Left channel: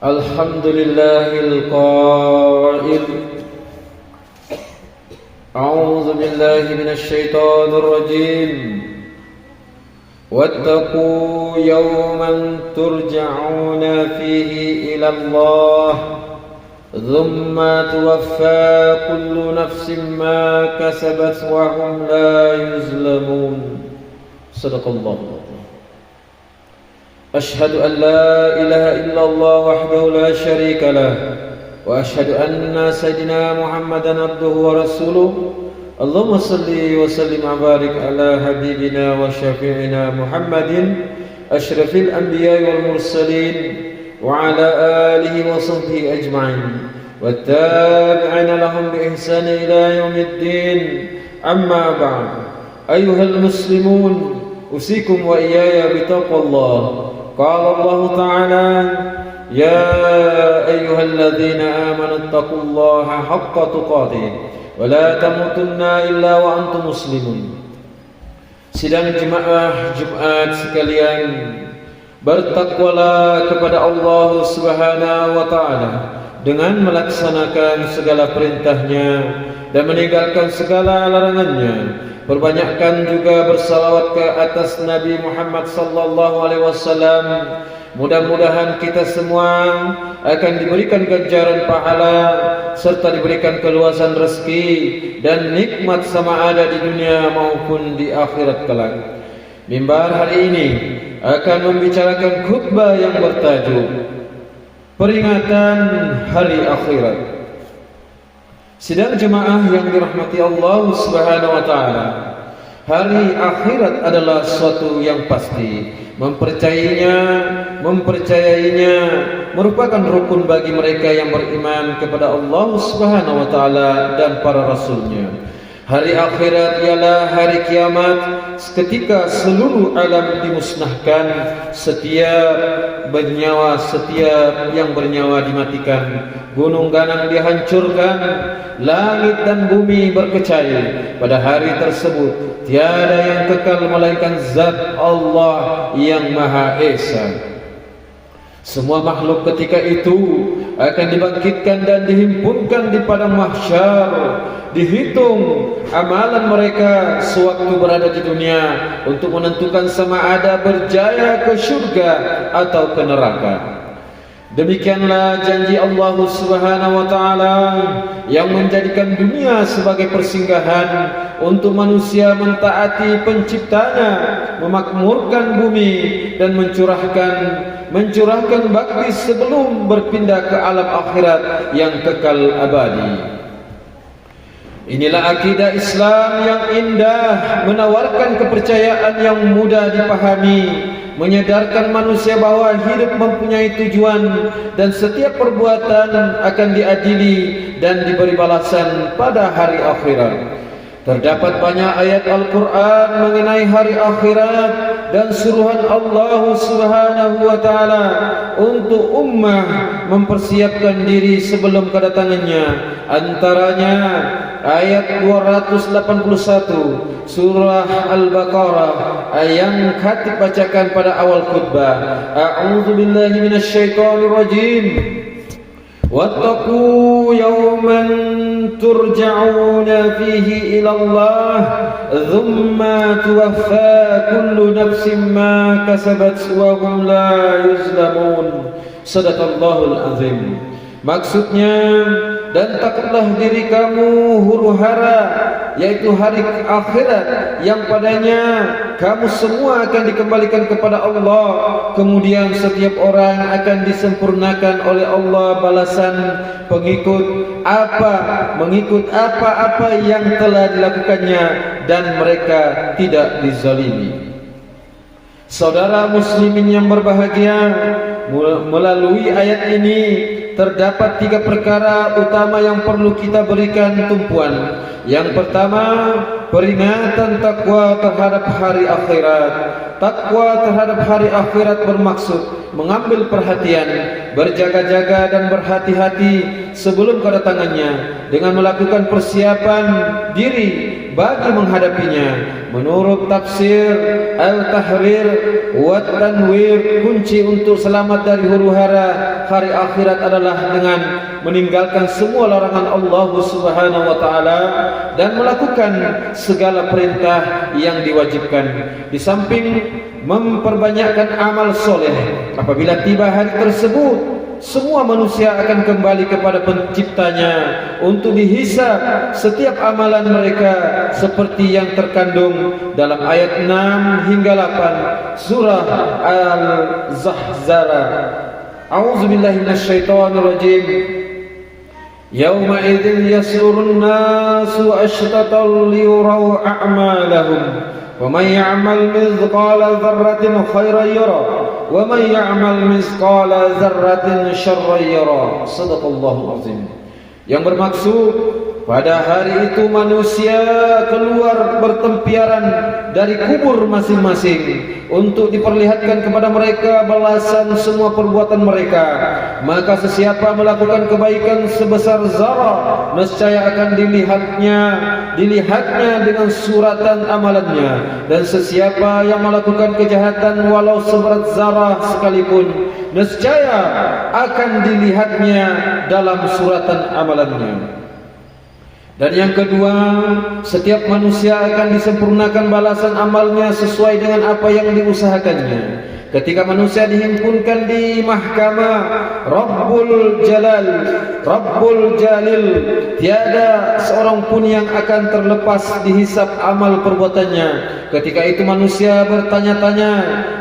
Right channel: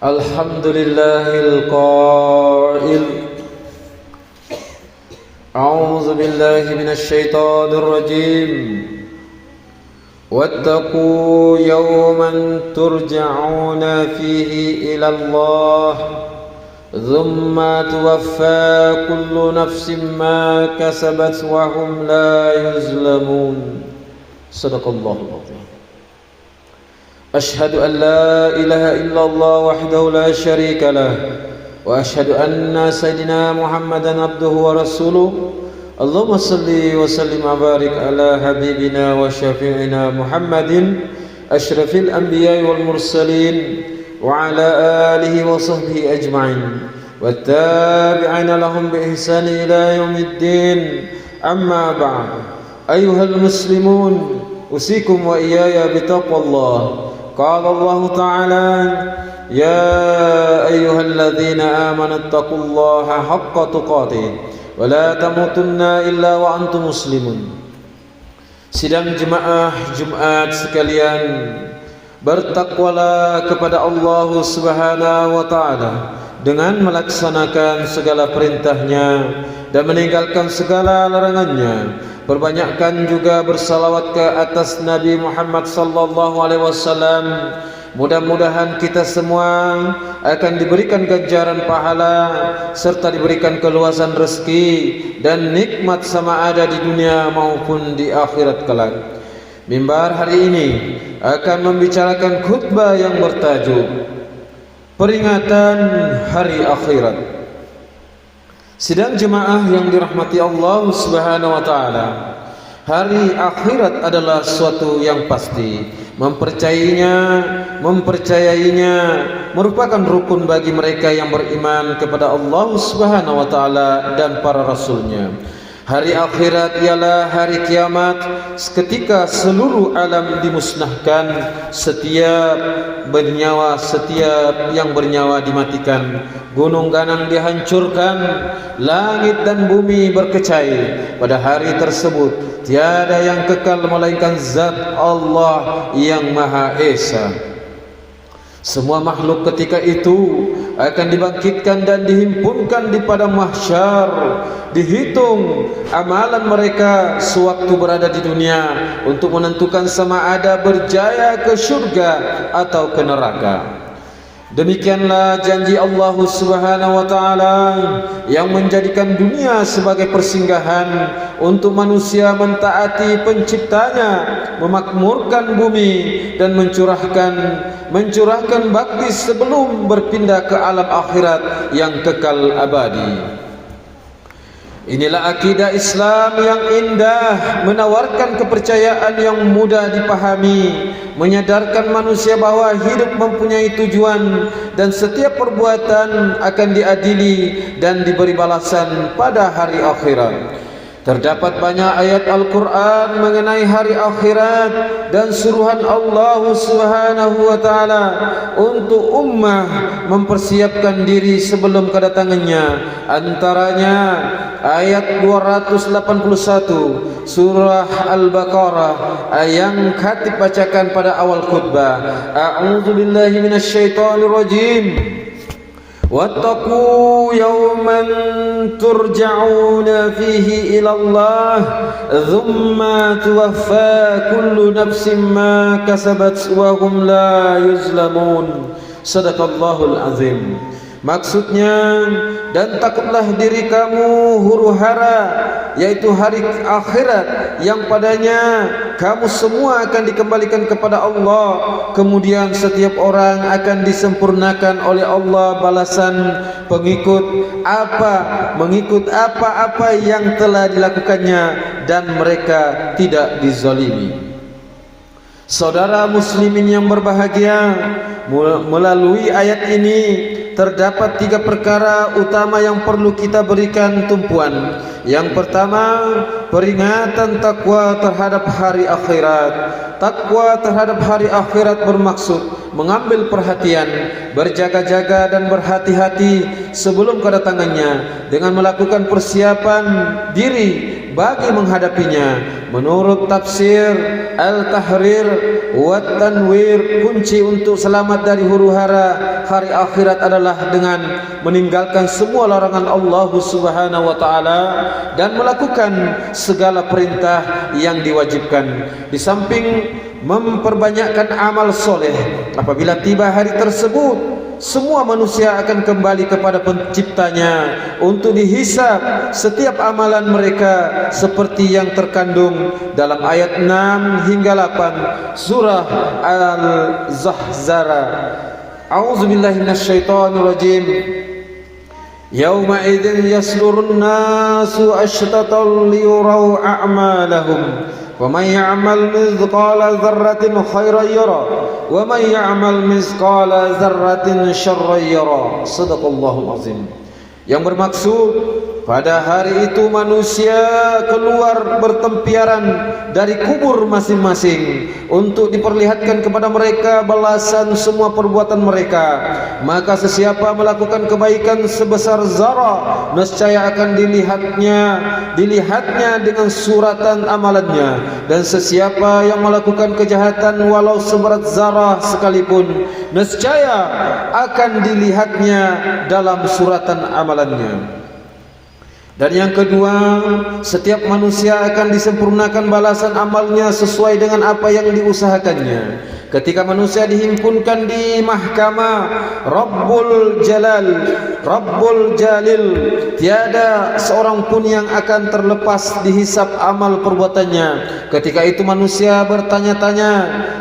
Alhamdulillahil qail A'udzu billahi minasy syaithanir rajim Wattaqu yawman turja'una fihi ila Allah thumma tuwaffa kullu nafsin ma kasabat wa hum la yuzlamun. Sadaqallahu. أشهد أن لا إله إلا الله وحده لا شريك له وأشهد أن سيدنا محمدا عبده ورسوله اللهم صل وسلم وبارك على حبيبنا وشفيعنا محمد أشرف الأنبياء والمرسلين وعلى آله وصحبه أجمعين والتابعين لهم بإحسان إلى يوم الدين. أما بعد أيها المسلمون أوصيكم وإياي بتقوى الله. قال الله تعالى يا أيها الذين آمنوا اتقوا الله حق تقاته ولا تموتن إلا وأنتم مسلمون. Sidang jemaah Jumat sekalian, bertakwalah kepada Allah Subhanahu wa taala dengan melaksanakan segala perintahnya dan meninggalkan segala larangannya. Perbanyakkan juga bersalawat ke atas Nabi Muhammad sallallahu alaihi wasallam. Mudah-mudahan kita semua akan diberikan ganjaran pahala serta diberikan keluasan rezeki dan nikmat sama ada di dunia maupun di akhirat kelak. Mimbar hari ini akan membicarakan khutbah yang bertajuk Peringatan Hari Akhirat. Sidang jemaah yang dirahmati Allah Subhanahu wa taala, hari akhirat adalah suatu yang pasti. Mempercayainya merupakan rukun bagi mereka yang beriman kepada Allah Subhanahu wa taala dan para rasulnya. Hari akhirat ialah hari kiamat, ketika seluruh alam dimusnahkan, setiap yang bernyawa dimatikan, gunung ganang dihancurkan, langit dan bumi berkecai. Pada hari tersebut tiada yang kekal melainkan zat Allah yang Maha Esa. Semua makhluk ketika itu akan dibangkitkan dan dihimpunkan di padang mahsyar. Dihitung amalan mereka sewaktu berada di dunia untuk menentukan sama ada berjaya ke syurga atau ke neraka. Demikianlah janji Allah Subhanahu wa taala yang menjadikan dunia sebagai persinggahan untuk manusia mentaati penciptanya, memakmurkan bumi dan mencurahkan bakti sebelum berpindah ke alam akhirat yang kekal abadi. Inilah akidah Islam yang indah, menawarkan kepercayaan yang mudah dipahami, menyadarkan manusia bahwa hidup mempunyai tujuan dan setiap perbuatan akan diadili dan diberi balasan pada hari akhirat. Terdapat banyak ayat Al-Quran mengenai hari akhirat dan suruhan Allah Subhanahu wa taala untuk ummah mempersiapkan diri sebelum kedatangannya. Antaranya ayat 281 surah Al-Baqarah yang khatib bacakan pada awal khutbah. A'udzu billahi minasy syaithanir rajim. Wattaqu yawman turja'una fihi ila Allah thumma tuwaffa kullu nafsin ma kasabat wa hum la yuzlamun. Sadaqallahul azim. Maksudnya, dan takutlah diri kamu huru-hara, yaitu hari akhirat yang padanya kamu semua akan dikembalikan kepada Allah. Kemudian setiap orang akan disempurnakan oleh Allah balasan mengikut apa-apa yang telah dilakukannya, dan mereka tidak dizalimi. Saudara muslimin yang berbahagia, melalui ayat ini terdapat 3 perkara utama yang perlu kita berikan tumpuan. Yang pertama, peringatan takwa terhadap hari akhirat. Takwa terhadap hari akhirat bermaksud mengambil perhatian, berjaga-jaga dan berhati-hati sebelum kedatangannya dengan melakukan persiapan diri bagi menghadapinya. Menurut tafsir Al-Tahrir wa Tanwir, kunci untuk selamat dari huru-hara hari akhirat adalah dengan meninggalkan semua larangan Allah Subhanahu wa taala dan melakukan segala perintah yang diwajibkan. Di samping memperbanyakkan amal soleh, apabila tiba hari tersebut, semua manusia akan kembali kepada penciptanya untuk dihisab setiap amalan mereka seperti yang terkandung dalam ayat 6 hingga 8 surah Al-Zahzara. A'udzubillahi minasyaitonirrajim. Yauma idzin yaslurun nasu ashtatan liyurau a'malahum. وَمَنْ يَعْمَلْ مِثْقَالَ ذَرَّةٍ خَيْرًا يَرَهُ وَمَنْ يَعْمَلْ مِثْقَالَ ذَرَّةٍ شَرًّا يَرَهُ. Shadaqallahul azim. Yang bermaksud, pada hari itu manusia keluar bertempiaran dari kubur masing-masing untuk diperlihatkan kepada mereka balasan semua perbuatan mereka. Maka sesiapa melakukan kebaikan sebesar zarah, nescaya akan dilihatnya dengan suratan amalannya. Dan sesiapa yang melakukan kejahatan walau seberat zarah sekalipun, nescaya akan dilihatnya dalam suratan amalannya. Dan yang kedua, setiap manusia akan disempurnakan balasan amalnya sesuai dengan apa yang diusahakannya. Ketika manusia dihimpunkan di mahkamah Rabbul Jalal, Rabbul Jalil, tiada seorang pun yang akan terlepas dihisab amal perbuatannya. Ketika itu manusia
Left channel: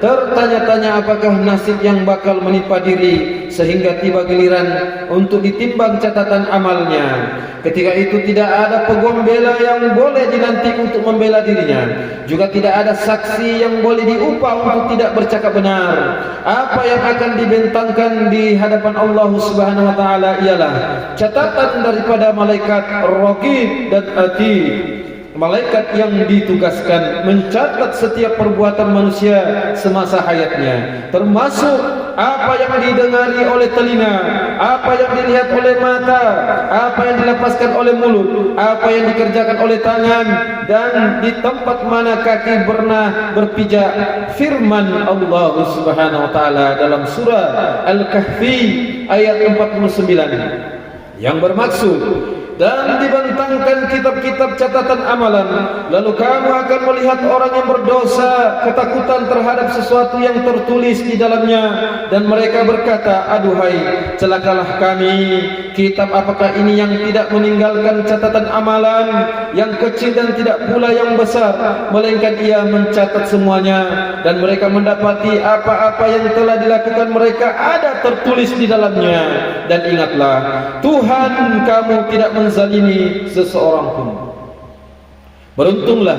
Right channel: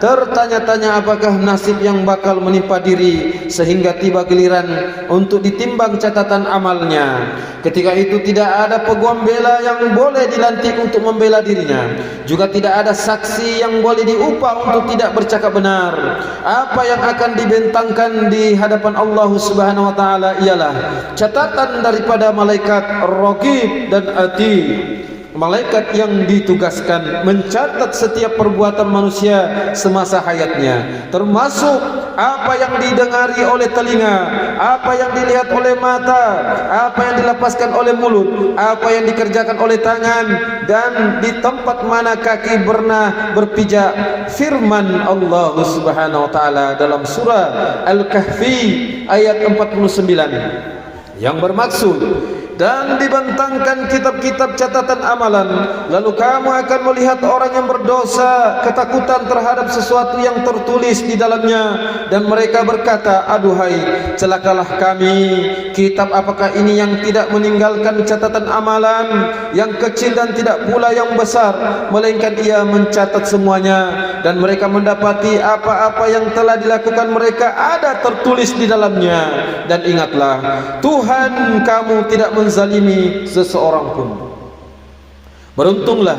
tertanya-tanya apakah nasib yang bakal menimpa diri, sehingga tiba giliran untuk ditimbang catatan amalnya. Ketika itu tidak ada pembela yang boleh dilantik untuk membela dirinya, juga tidak ada saksi yang boleh diupah untuk tidak bercakap benar. Apa yang akan dibentangkan di hadapan Allah Subhanahu wa taala ialah catatan daripada malaikat Raqib dan Atid, malaikat yang ditugaskan mencatat setiap perbuatan manusia semasa hayatnya, termasuk apa yang didengari oleh telinga, apa yang dilihat oleh mata, apa yang dilepaskan oleh mulut, apa yang dikerjakan oleh tangan, dan di tempat mana kaki pernah berpijak. Firman Allah Subhanahu wa taala dalam surah Al-Kahfi ayat 49 yang bermaksud, dan dibentangkan kitab-kitab catatan amalan, lalu kamu akan melihat orang yang berdosa ketakutan terhadap sesuatu yang tertulis di dalamnya, dan mereka berkata, aduhai celakalah kami, kitab apakah ini yang tidak meninggalkan catatan amalan, yang kecil dan tidak pula yang besar, melainkan ia mencatat semuanya. Dan mereka mendapati apa-apa yang telah dilakukan mereka ada tertulis di dalamnya. Dan ingatlah, Tuhan kamu tidak menzalimi seseorang pun. Beruntunglah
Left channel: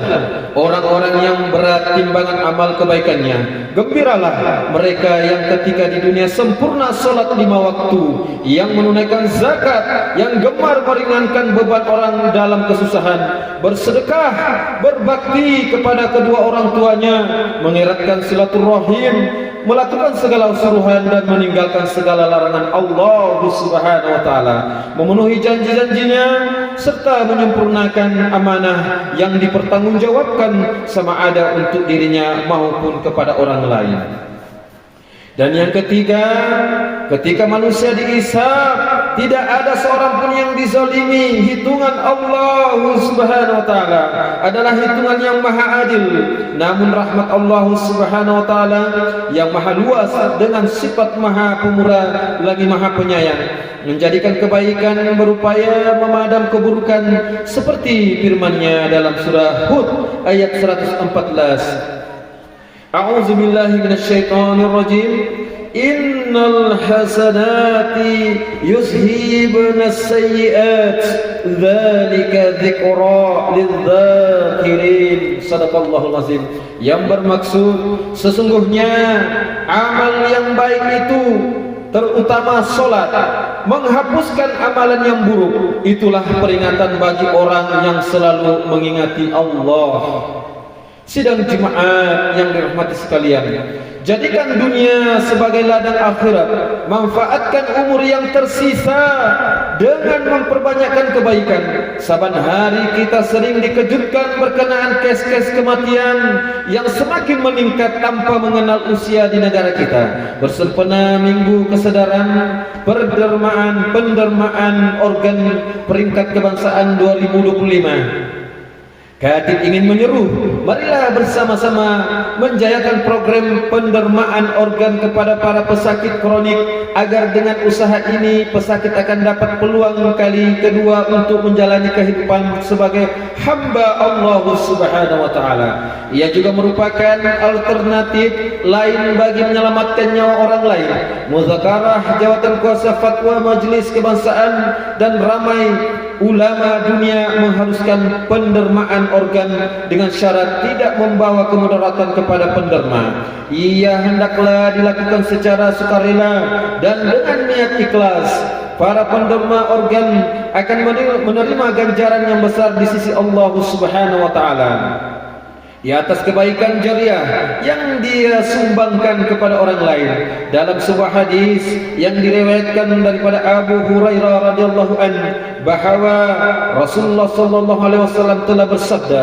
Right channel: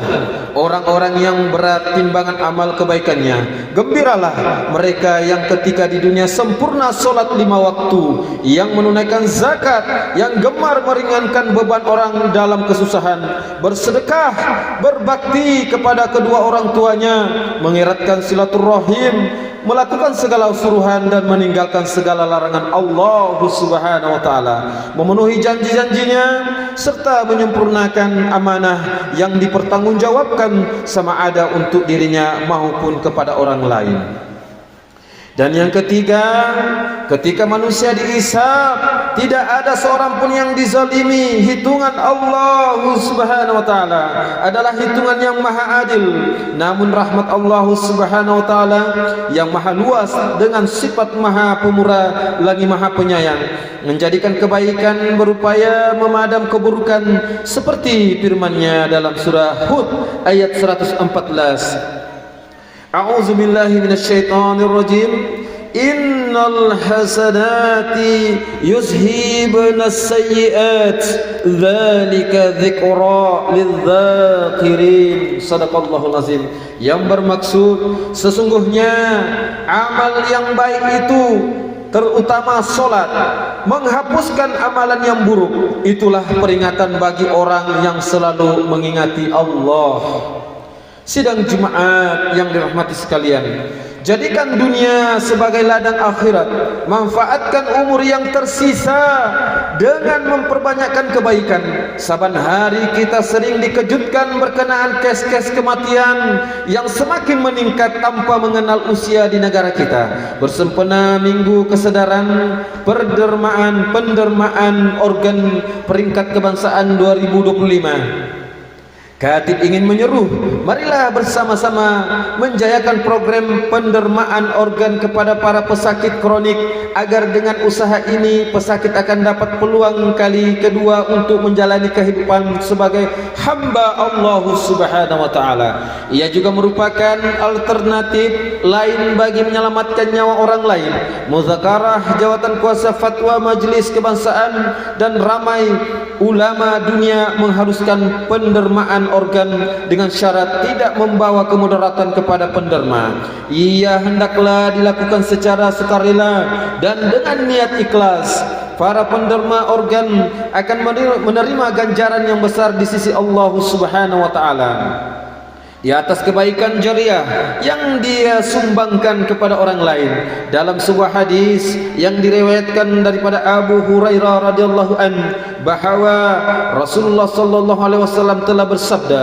orang-orang yang berat timbangan amal kebaikannya. Gembiralah mereka yang ketika di dunia sempurna solat 5 waktu, yang menunaikan zakat, yang gemar meringankan beban orang dalam kesusahan, bersedekah, berbakti kepada kedua orang tuanya, mengeratkan silaturahim, melakukan segala suruhan dan meninggalkan segala larangan Allah Subhanahu wa taala, memenuhi janji-janjinya serta menyempurnakan amanah yang dipertanggungjawabkan sama ada untuk dirinya maupun kepada orang lain. Dan yang ketiga, ketika manusia dihisab, tidak ada seorang pun yang dizalimi. Hitungan Allah Subhanahu wa taala adalah hitungan yang maha adil. Namun rahmat Allah Subhanahu wa taala yang maha luas dengan sifat maha pemurah lagi maha penyayang, menjadikan kebaikan berupaya memadam keburukan, seperti firman-Nya dalam surah Hud ayat 114. A'udzu billahi minasyaitonir rajim. Innal hasanati yuzhibunas sayyi'at dzalika dzikra lidzakirin. Shadaqallahul azim. Yang bermaksud, sesungguhnya amal yang baik itu, terutama solat, menghapuskan amalan yang buruk. Itulah peringatan bagi orang yang selalu mengingati Allah. Sidang Jumat yang dirahmati sekalian, jadikan dunia sebagai ladang akhirat. Manfaatkan umur yang tersisa dengan memperbanyakkan kebaikan. Saban hari kita sering dikejutkan berkenaan kes-kes kematian yang semakin meningkat tanpa mengenal usia di negara kita. Bersempena Minggu Kesedaran pendermaan organ peringkat kebangsaan 2025, Khatib ingin menyeru, marilah bersama-sama menjayakan program pendermaan organ kepada para pesakit kronik, agar dengan usaha ini pesakit akan dapat peluang kali kedua untuk menjalani kehidupan sebagai hamba Allah Subhanahu wa taala. Ia juga merupakan alternatif lain bagi menyelamatkan nyawa orang lain. Muzakarah jawatan kuasa fatwa Majelis Kebangsaan dan ramai ulama dunia mengharuskan pendermaan organ dengan syarat tidak membawa kemudaratan kepada penderma. Ia hendaklah dilakukan secara sukarela dan dengan niat ikhlas. Para penderma organ akan menerima ganjaran yang besar di sisi Allah Subhanahu wa taala di atas kebaikan jariah yang dia sumbangkan kepada orang lain. Dalam sebuah hadis yang diriwayatkan daripada Abu Hurairah radhiyallahu anhu, bahawa Rasulullah sallallahu alaihi wasallam telah bersabda,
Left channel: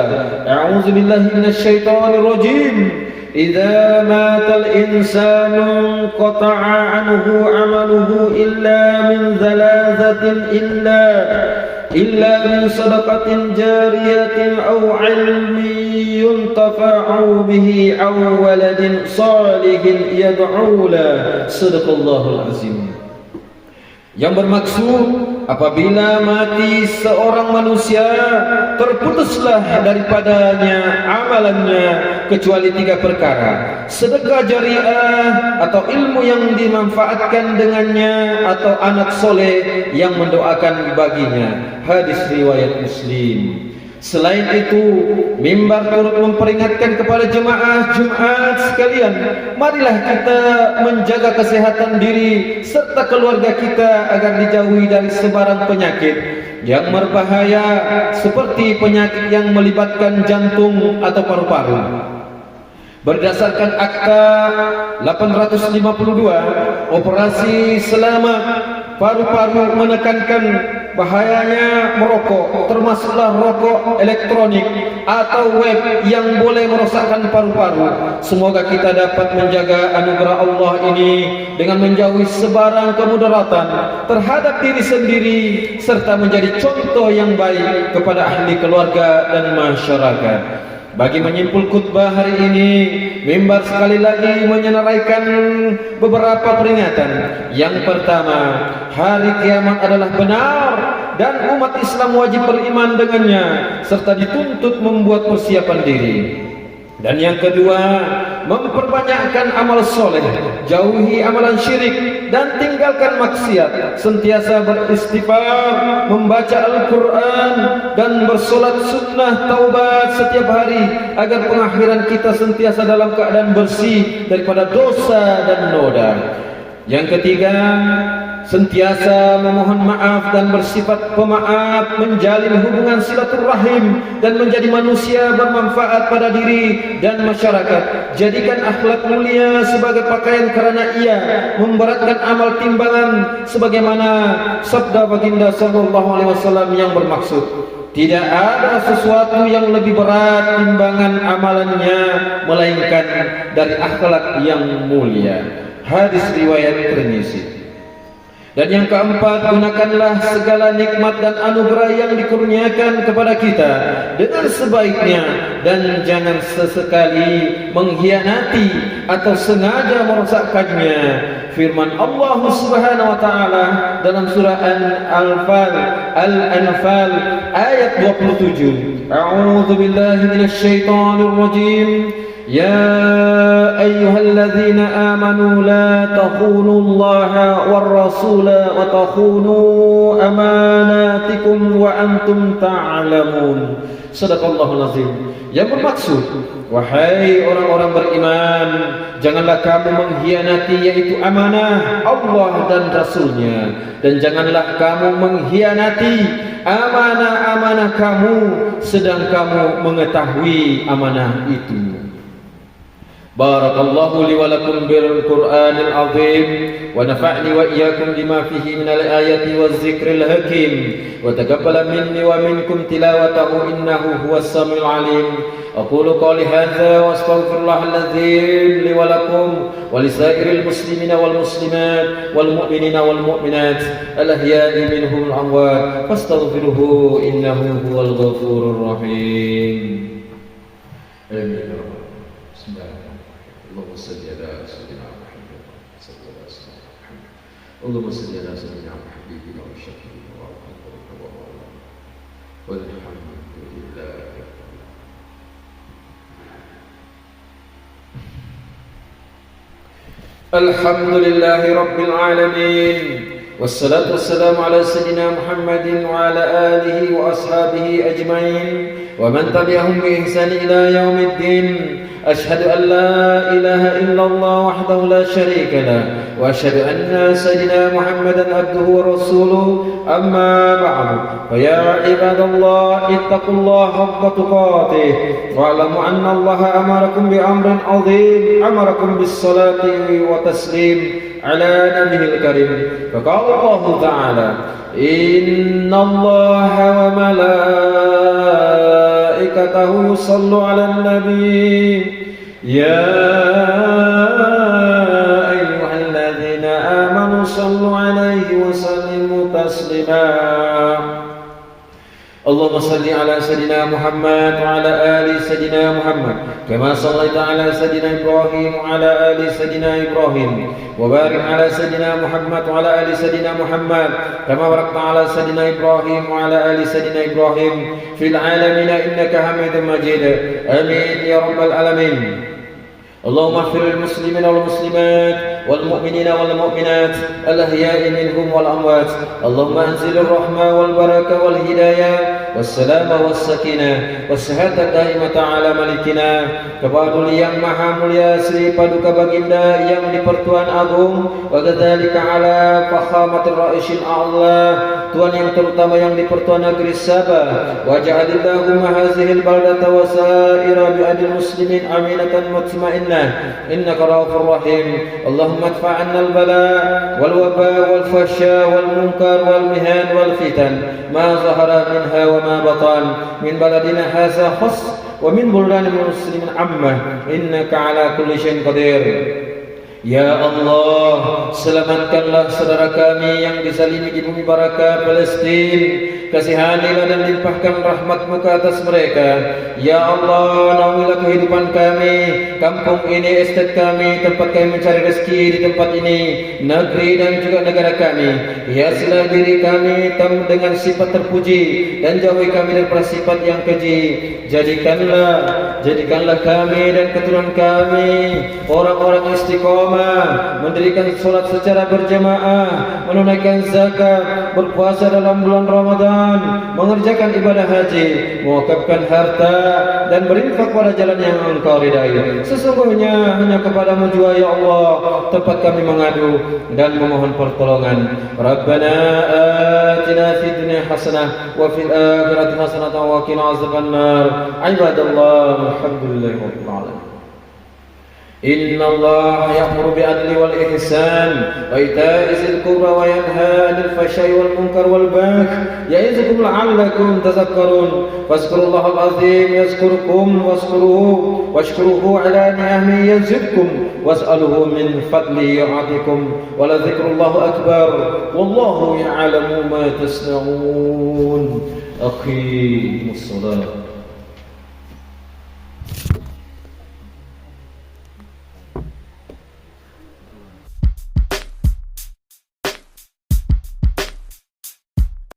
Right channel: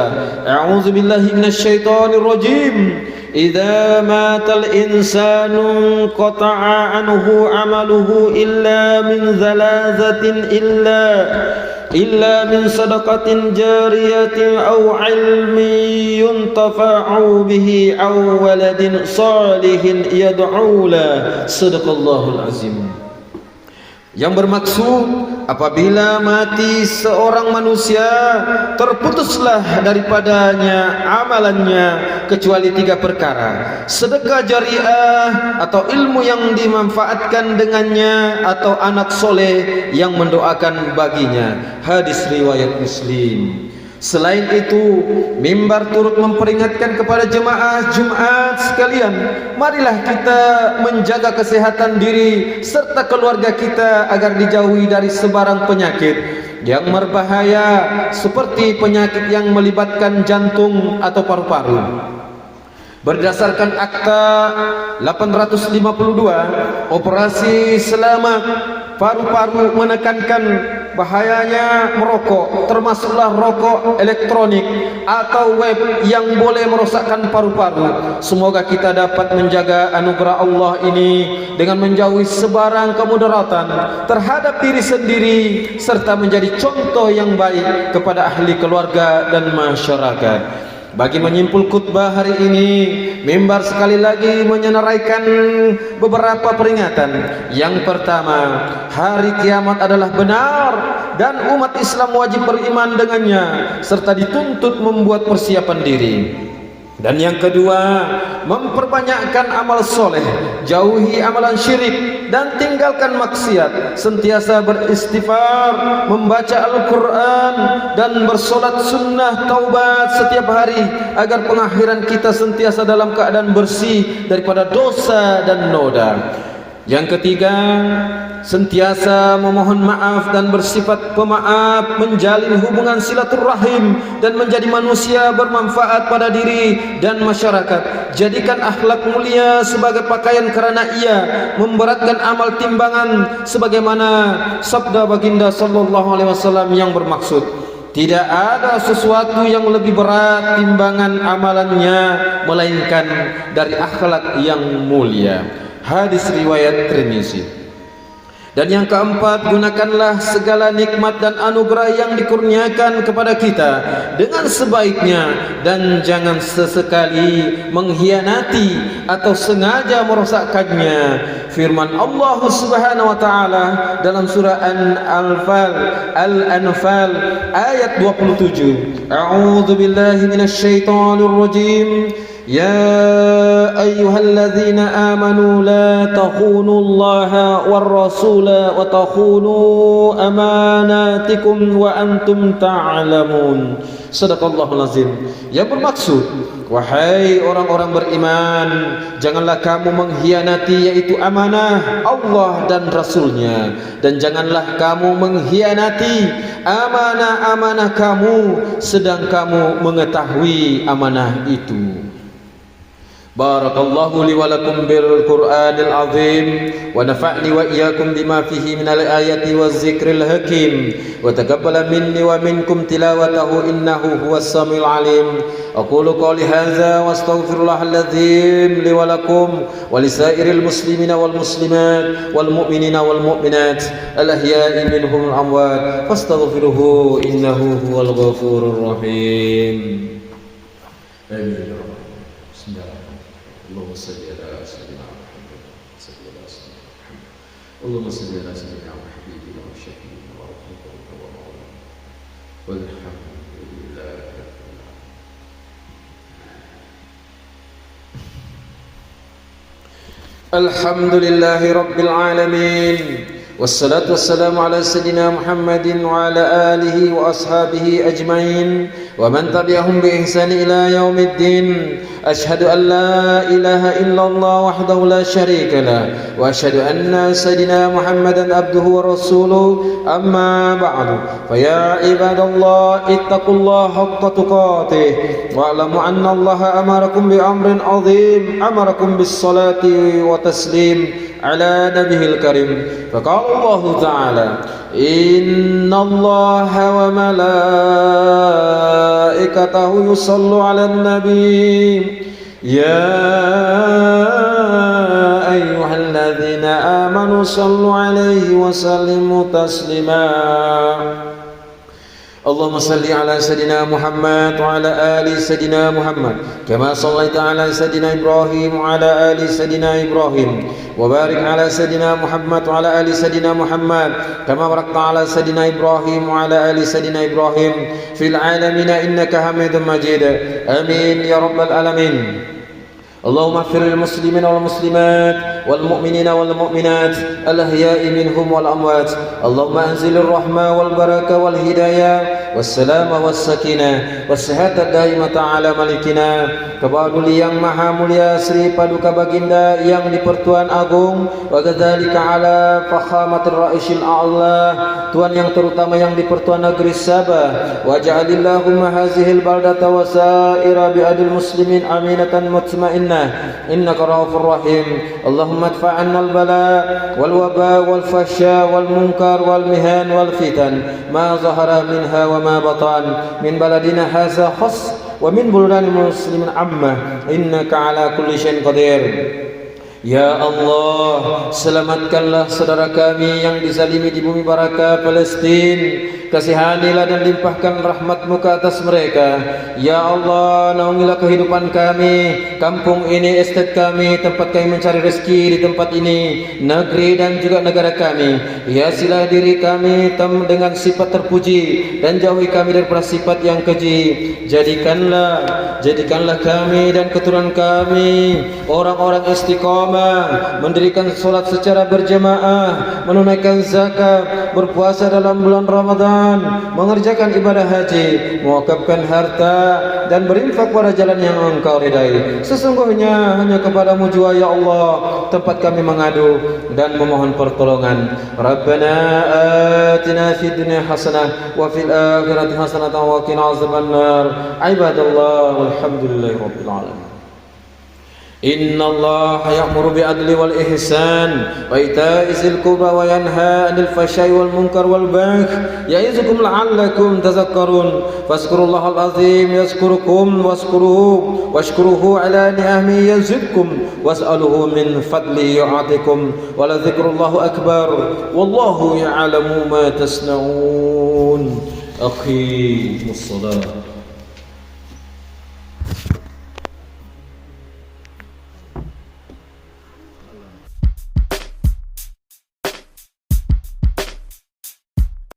"A'udzubillahi minasyaitonir rajim. Idza matal insanu qata'a anhu 'amaluhu illa min zalazatin illa min sadaqatin jariyatin aw ilmin yuntafa'u bihi aw waladin salihin yad'u la." Sadaqallahul azim. Yang bermaksud, apabila mati seorang manusia, terputuslah daripadanya amalannya kecuali 3 perkara: sedekah jariah atau ilmu yang dimanfaatkan dengannya, atau anak soleh yang mendoakan baginya. Hadis riwayat Muslim. Selain itu, mimbar turut memperingatkan kepada jemaah Jumat sekalian, marilah kita menjaga kesehatan diri serta keluarga kita agar dijauhi dari sebarang penyakit yang berbahaya seperti penyakit yang melibatkan jantung atau paru-paru. Berdasarkan Akta 852, Operasi Selamat Paru-Paru menekankan bahayanya merokok, termasuklah rokok elektronik atau web yang boleh merosakkan paru-paru. Semoga kita dapat menjaga anugerah Allah ini dengan menjauhi sebarang kemudaratan terhadap diri sendiri serta menjadi contoh yang baik kepada ahli keluarga dan masyarakat. Bagi menyimpul khutbah hari ini, mimbar sekali lagi menyenaraikan beberapa peringatan. Yang pertama, hari kiamat adalah benar dan umat Islam wajib beriman dengannya serta dituntut membuat persiapan diri. Dan yang kedua, memperbanyakkan amal soleh, jauhi amalan syirik dan tinggalkan maksiat, sentiasa beristighfar, membaca Al-Quran dan bersolat sunnah taubat setiap hari agar pengakhiran kita sentiasa dalam keadaan bersih daripada dosa dan noda. Yang ketiga, sentiasa memohon maaf dan bersifat pemaaf, menjalin hubungan silaturahim dan menjadi manusia bermanfaat pada diri dan masyarakat. Jadikan akhlak mulia sebagai pakaian kerana ia memberatkan amal timbangan, sebagaimana sabda baginda sallallahu alaihi wasallam yang bermaksud, tidak ada sesuatu yang lebih berat timbangan amalannya melainkan dari akhlak yang mulia. Hadis riwayat Tirmizi. Dan yang keempat, gunakanlah segala nikmat dan anugerah yang dikurniakan kepada kita dengan sebaiknya dan jangan sesekali mengkhianati atau sengaja merosakkannya. Firman Allah Subhanahu wa taala dalam surah Al-Anfal ayat 27. A'udzu billahi minasyaitonir rajim. يا أيها الذين آمنوا لا تخونوا الله والرسول وتخونوا أماناتكم وأنتم تعلمون. Sadaqallahul azim. Yang bermaksud, wahai orang-orang beriman, janganlah kamu mengkhianati yaitu amanah Allah dan Rasulnya, dan janganlah kamu mengkhianati amanah-amanah kamu sedang kamu mengetahui amanah itu. Barakallahu li wa lakum bil Qur'anil azim wa nafa'ni wa iyyakum bima fihi minal ayati waz zikril hakim wa taqabbala minni wa minkum tilawatahu innahu huwas samiul alim. Aqulu qawli hadza wa astaghfirullahal azim li wa lakum wa lisairil muslimina wal muslimat wal mu'minina wal mu'minat al ahya'i minhum al amwat fastaghfiruhu innahu huwal ghafurur rahim. Amin. اللهم صل على سيدنا محمد صلى الله عليه وسلم. اللهم صل على سيدنا محمد وشفيع ورحمته والحمد لله. الحمد لله رب العالمين والصلاة والسلام على سيدنا محمد وعلى آله وأصحابه أجمعين ومن تبعهم بإحسان إلى يوم الدين. أشهد أن لا إله إلا الله وحده لا شريك له وأشهد أن سيدنا محمدا عبده ورسوله. أما بعد فيا عباد الله اتقوا الله حق تقاته واعلموا أن الله أمركم بأمر عظيم، أمركم بالصلاة وتسليم على نبيه الكريم. فقال الله تعالى إن الله وملائكته يصلوا على النبي يا أيها الذين آمنوا صلوا عليه وسلموا تسليما. اللهم صل على سيدنا محمد وعلى آل سيدنا محمد كما صليت على سيدنا إبراهيم وعلى آل سيدنا إبراهيم وبارك على سيدنا محمد وعلى آل سيدنا محمد كما باركت على سيدنا إبراهيم وعلى آل سيدنا إبراهيم في العالمين إنك حميد مجيد. آمين يا رب العالمين. اللهم اغفر للمسلمين والمسلمات والمؤمنين والمؤمنات الأحياء منهم والأموات. اللهم أنزل الرحمة والبركة والهداية والسلام والسكينة والصحة الدائمة على ملكنا Kepada yang maha mulia Sri Paduka Baginda yang di-Pertuan Agung, wa kadzalika ala fakhamatir ra'isil a'la, Tuan yang terutama yang di-Pertuan Negeri Sabah, wa ja'alillahumma hazihil baldata wa sa'ira bi'adil muslimin aminatan mutmainnah innaka raufur rahim. Allahumma adfa'anna al-bala wal waba wal fasya wal munkar wal mihan wal fitan ma zahara minha wa ma batan min baladina hadza khas wa min buldanil muslimin amma innaka ala kulli syai'in qadir. Ya Allah, selamatkanlah saudara kami yang dizalimi di bumi Barakah Palestin. Kasihanilah dan limpahkan rahmat-Mu ke atas mereka. Ya Allah, naungilah kehidupan kami, kampung ini, estate kami, tempat kami mencari rezeki di tempat ini, negeri dan juga negara kami. Hiasilah diri kami dengan sifat terpuji dan jauhi kami daripada sifat yang keji. Jadikanlah kami dan keturunan kami orang-orang istiqamah, mendirikan solat secara berjamaah, menunaikan zakat, berpuasa dalam bulan Ramadan, mengerjakan ibadah haji, mewakafkan harta dan berinfak pada jalan yang Engkau ridai. Sesungguhnya hanya kepadamu jua ya Allah tempat kami mengadu dan memohon pertolongan. Rabbana atina fid dunya hasanah wa fil akhirati hasanah wa qina azabannar. Ibadallah, alhamdulillahi rabbil alamin. إن الله يأمر بالعدل والإحسان وإيتاء ذي القربى وينهى عن الفحشاء والمنكر والبغي يعظكم لعلكم تذكرون. فاذكروا الله العظيم يذكركم واشكروه على نعمه يزدكم واسألوه من فضله يعطيكم ولذكر الله أكبر والله يعلم ما تصنعون. أقيموا الصلاة.